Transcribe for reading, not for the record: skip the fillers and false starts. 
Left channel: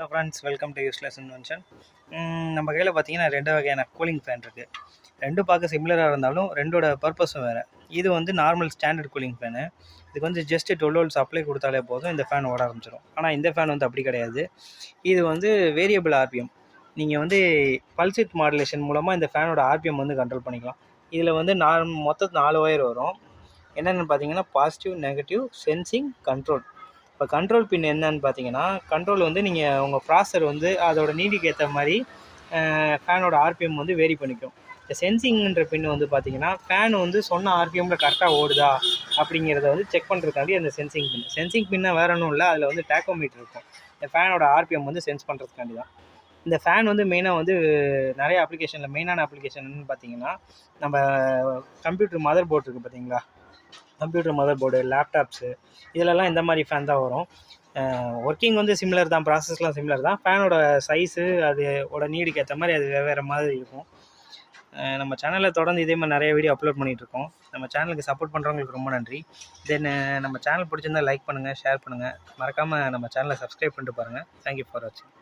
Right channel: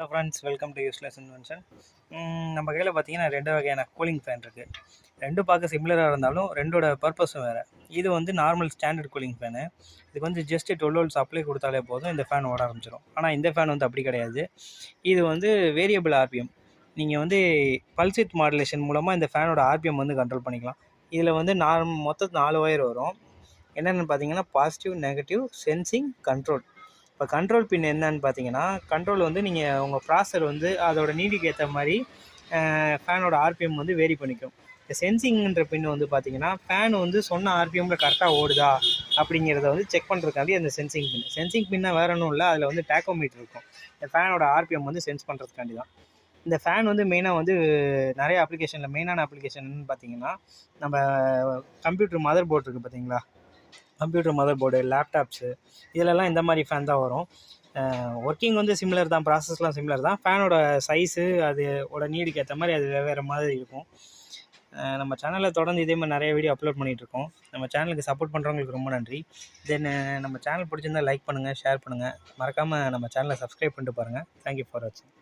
Hello friends, welcome to useless invention. நம்ம கையில் பார்த்தீங்கன்னா 2 வகையான கூலிங் ஃபேன் இருக்குது. ரெண்டும் பார்க்க சிமிலராக இருந்தாலும் ரெண்டோட பர்பஸும் வேறு. இது வந்து நார்மல் ஸ்டாண்டர்ட் கூலிங் ஃபேனு. இதுக்கு வந்து ஜஸ்ட்டு 12 வோல்ட் சப்ளை கொடுத்தாலே போதும், இந்த ஃபேன் ஓட ஆரம்பிச்சிடும். ஆனால் இந்த ஃபேன் வந்து அப்படி கிடையாது. இது வந்து வேரியபிள் ஆர்பிஎம். நீங்கள் வந்து பல்ஸ் வித் மாடுலேஷன் மூலமாக இந்த ஃபேனோட ஆர்பிஎம் வந்து கண்ட்ரோல் பண்ணிக்கலாம். இதில் வந்து மொத்தம் 4 ஒயர் வரும். என்னென்னு பார்த்தீங்கன்னா பாசிட்டிவ், நெகட்டிவ், சென்சிங், கண்ட்ரோல். இப்போ கண்ட்ரோல் பின் என்னன்னு பார்த்தீங்கன்னா, கண்ட்ரோல் வந்து நீங்கள் உங்கள் ப்ராசர் வந்து அதோட நீடிக்கு ஏற்ற மாதிரி ஃபேனோட ஆர்பிஎம் வந்து வேரி பண்ணிக்கும். இந்த சென்சிங்ன்ற பின் வந்து பார்த்தீங்கன்னா, ஃபேன் வந்து சொன்ன ஆர்பிஎம்மில் கரெக்டாக ஓடுதா அப்படிங்கிறத வந்து செக் பண்ணுறதுக்காண்டி அந்த சென்சிங் பின். சென்சிங் பின்னா வேற ஒன்றும் இல்லை, அதில் வந்து டேக்கோமீட்டர் இருக்கும். இந்த ஃபேனோட ஆர்பிஎம் வந்து சென்ஸ் பண்ணுறதுக்காண்டி தான். இந்த ஃபேன் வந்து மெயினாக வந்து நிறைய அப்ளிகேஷனில் மெயினான அப்ளிகேஷன் என்னென்னு பார்த்தீங்கன்னா, நம்ம கம்ப்யூட்டர் மதர் போர்டு இருக்குது பார்த்தீங்களா, கம்ப்யூட்டர் மதர் போர்டு, லேப்டாப்ஸு, இதிலெல்லாம் இந்த மாதிரி ஃபேன் தான் வரும். ஒர்க்கிங் வந்து சிமிலர் தான், ப்ராசஸ்லாம் சிமிலர் தான். ஃபேனோட சைஸு அதோட நீடுக்கு ஏற்ற மாதிரி அது வெவ்வேறு மாதிரி இருக்கும். நம்ம சேனலில் தொடர்ந்து இதே மாதிரி நிறைய வீடியோ அப்லோட் பண்ணிகிட்ருக்கோம். நம்ம சேனலுக்கு சப்போர்ட் பண்ணுறவங்களுக்கு ரொம்ப நன்றி. தென் நம்ம சேனல் பிடிச்சிருந்தால் லைக் பண்ணுங்கள், ஷேர் பண்ணுங்கள். மறக்காமல் நம்ம சேனலை சப்ஸ்கிரைப் பண்ணிட்டு பாருங்கள். தேங்க்யூ ஃபார் வாட்சிங்.